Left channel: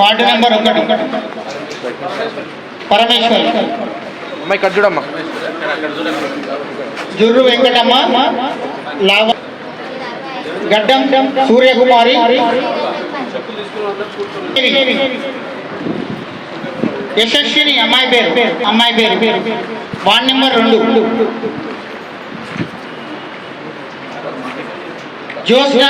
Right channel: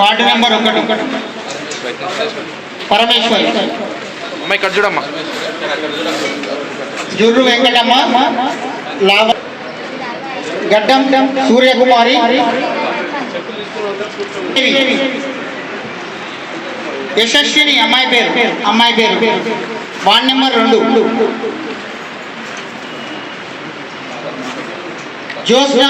Ward number 1 Parameshwari. అమ్మ ఇక్కడ చూడమ్మా. జుర్రు వెంకటమ్మ, లావ గడ్డం సూర్యకుమారి, యశస్విని అమ్మాయి పేరు వార్డు నెంబర్ 2 జ్యోత్స్న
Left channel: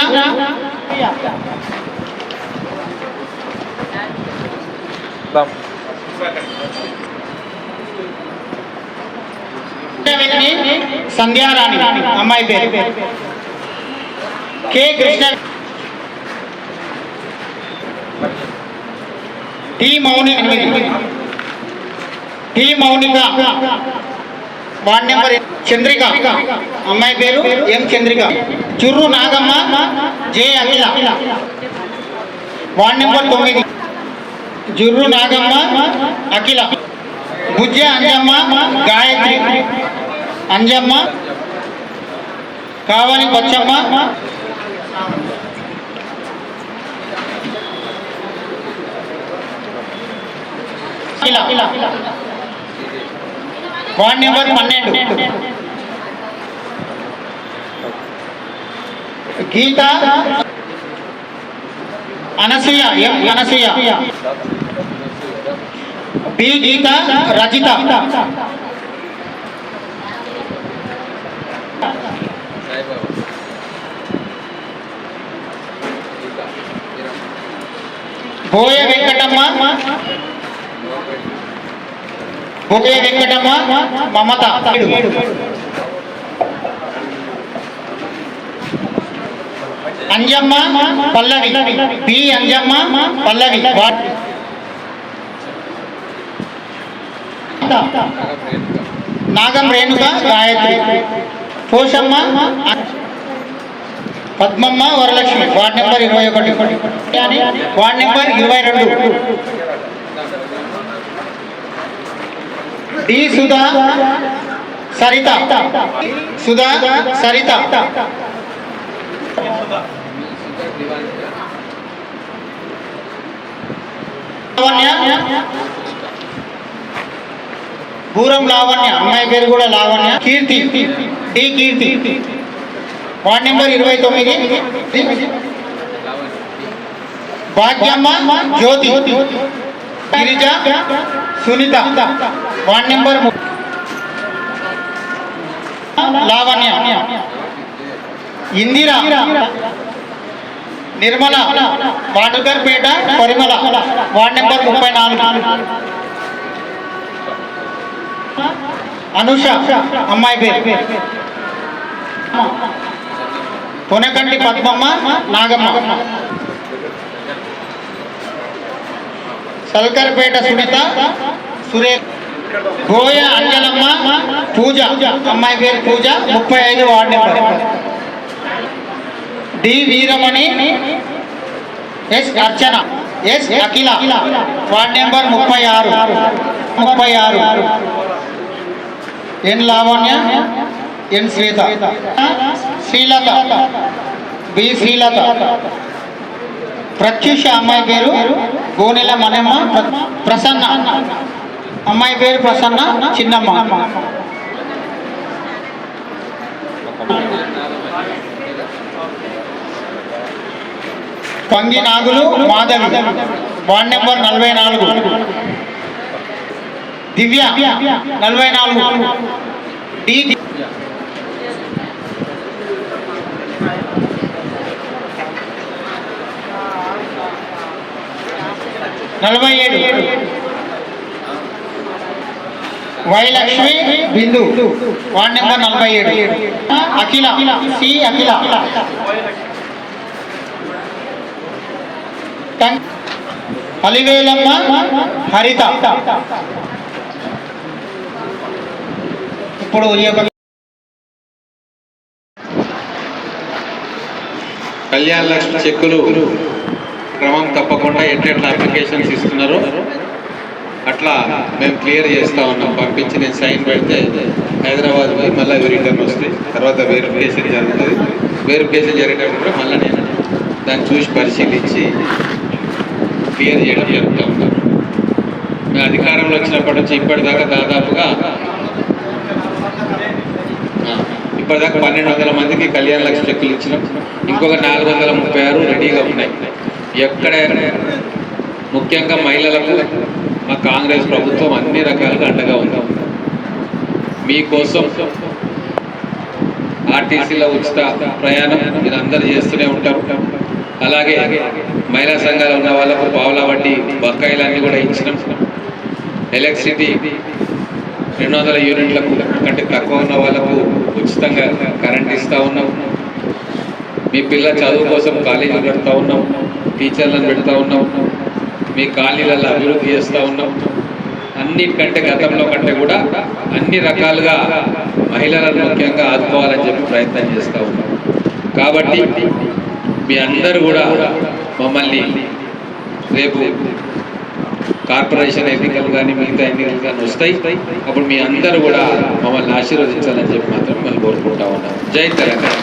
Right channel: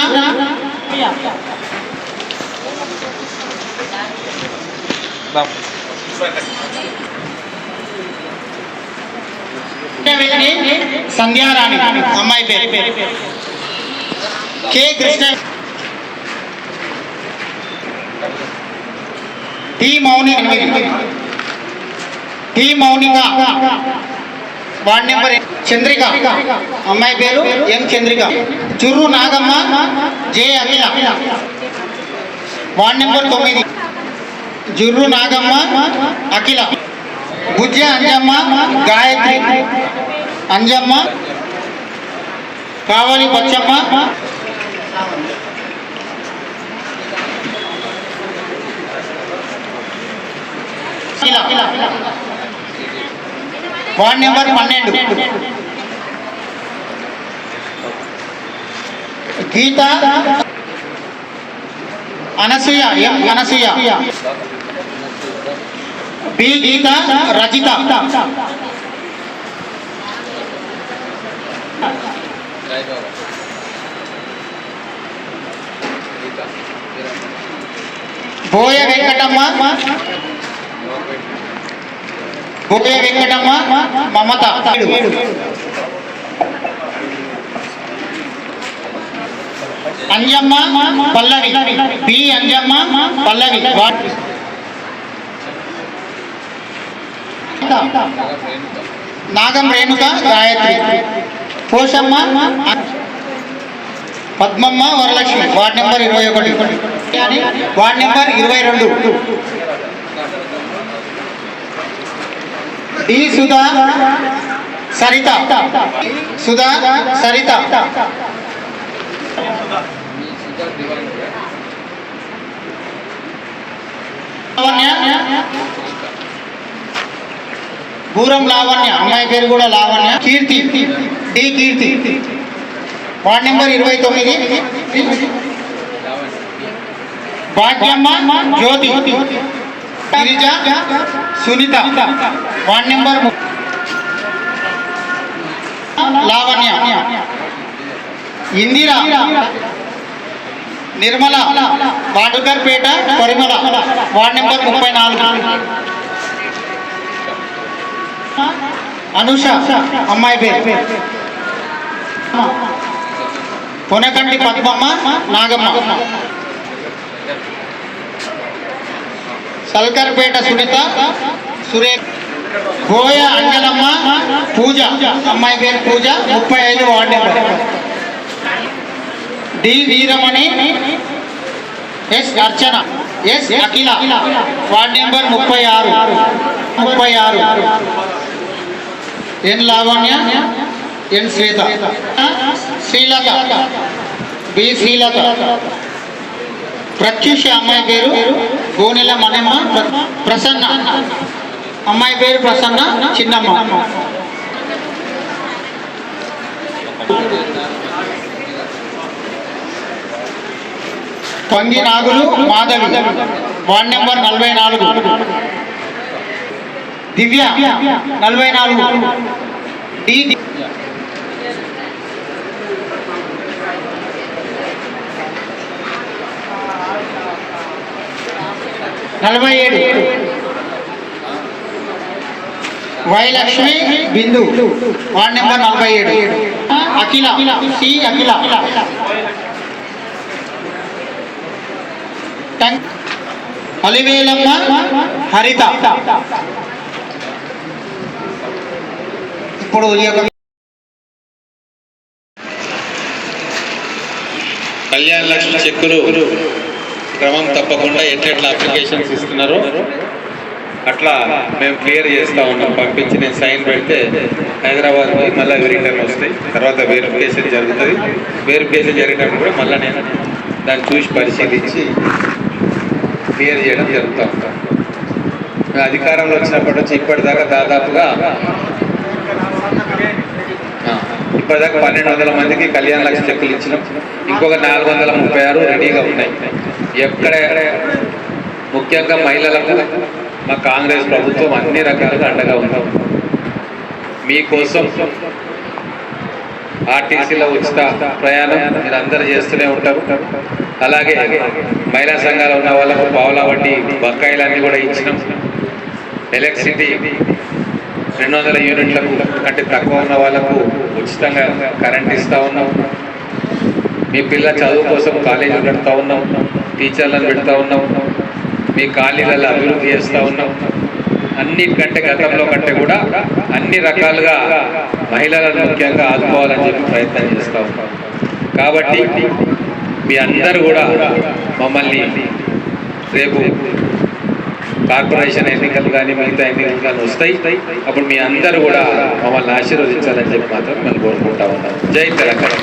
సంధ్యారాణి అమ్మాయి పేరు K Krishna, T Mounika ward number Chandrika అమ్మాయి పేరు M Chandrika. Churru Nagamma, J Akhila ward number 9 Jurru Nagamma, Akhila. Bujja Anjamma, Gayatri Anjamma, Kavali Bachamma, ward number 12 Geetha Anasuya B Geetha Rajitha Boya Venkatamma Mamatha. Anjamma Pallavi, B Anjamma Pallavi. Nagam Renuka Gayatri. Poshamma Padmamma Varalakshmi ward number 21 ward number 22 D Sudha Saritha Puram Lavanya అమ్మాయి పేరు కూడా లావణ్య. కీర్తి డి కీర్తి ward number 29 Bhagyamma Jyothi. Girija Sunitha ward number 30 Lavanya. Indira Nirmala Vadukarpeta Parimala ward number 34 Anusha అమ్మాయి పేరు కొనకంటి పద్మమ్మ నాగమ్మ. సల్కర్పేట సునీత సురేష్. గోయ అంజలమ్మ పూజ అమ్మాయి పేరు Pooja 35 ward number. D Veeramani, S Archana, S Akhila ward number 36 N Lavanya, N Shweta. Srilatha B Srilatha. Pratyusha అమ్మాయి పేరు గోనెల మనమ్మ. ప్రసన్న అమ్మాయి పేరు Prasanna Chinnamma. Pangi Nagulu Madhavi ward number 44 Divya 44 D 47 Vailakshmi Bindu ward number 47 Akhila C Akhila. Alivelamma Haritha. ఇప్పుడు కళ్యాణ లక్ష్మి చెక్కులు క్రమం తప్పకుండా ఎట్లా అప్లికేషన్స్ ఇస్తున్నారో అట్లా మేము క్లియర్ చేస్తూ ఉన్నాం. పంపించి నేను సైన్ పెడితే హైదరాబాద్కి మళ్ళీ రిటర్న్ వస్తాయి. తర్వాత వెరిఫికేషన్ జరుగుతుంది. వెరిఫికేషన్ జరిగేటప్పుడు మళ్ళీ నేను దాన్ని చూసి పరిశీలించి క్లియర్ చేయడం జరుగుతూ ఉంటాం. మేము అధికారంలో వచ్చినప్పటి నుంచి ఇప్పటిదాకా దాదాపుగా ఇప్పటిదాకా 1200 మందికి కళ్యాణ లక్ష్మి చెక్కులు ఇచ్చినాం. ఇంకొక 436 రెడీగా ఉన్నాయి. ఎక్కడ ముఖ్యంగా మహిళలకు మా కాంగ్రెస్ ప్రభుత్వం అన్ని రకాలుగా అండగా ఉంది. మీకోసం ఆర్టీసీలో ఉచిత ప్రయాణం మీరు అందరు చేస్తూనే ఉంటారు. అలాగే మహిళా సంఘాలు ఉన్న వాళ్ళకు పావులా వడ్డీ బకాయిలన్నీ కూడా ఇచ్చినాం. ఎలక్ట్రిసిటీ 200 యూనిట్లకు కంటే తక్కువ ఉన్న వాళ్ళకు ఉచితంగా కరెంట్ ఇస్తూ ఉన్నాం. మీ పిల్లల చదువు కోసం కాలేజీలు పెడతా ఉన్నాం, టీచర్లను పెడతా ఉన్నాం, మీ కాలనీలలో అభివృద్ధి చేస్తూ ఉన్నాం. అన్నిటికంటే గతంలో కంటే కూడా అన్ని రకాలుగా మహిళలను ముఖ్యంగా ఆదుకోవాలని చెప్పి ప్రయత్నం చేస్తూ ఉన్నాం. కాబట్టి మీ అందరూ కూడా మమ్మల్ని రేపు కార్పొరేషన్ ఎన్నికలు కానీ మిగతా ఎన్నికలు కానీ వస్తాయి. అప్పుడు మీ అందరూ కూడా మమ్మల్ని ఆశీర్వదించాలని చెప్పి మాత్రం మిమ్మల్ని కోరుకుంటా ఉన్నాం. జై తెలంగాణ.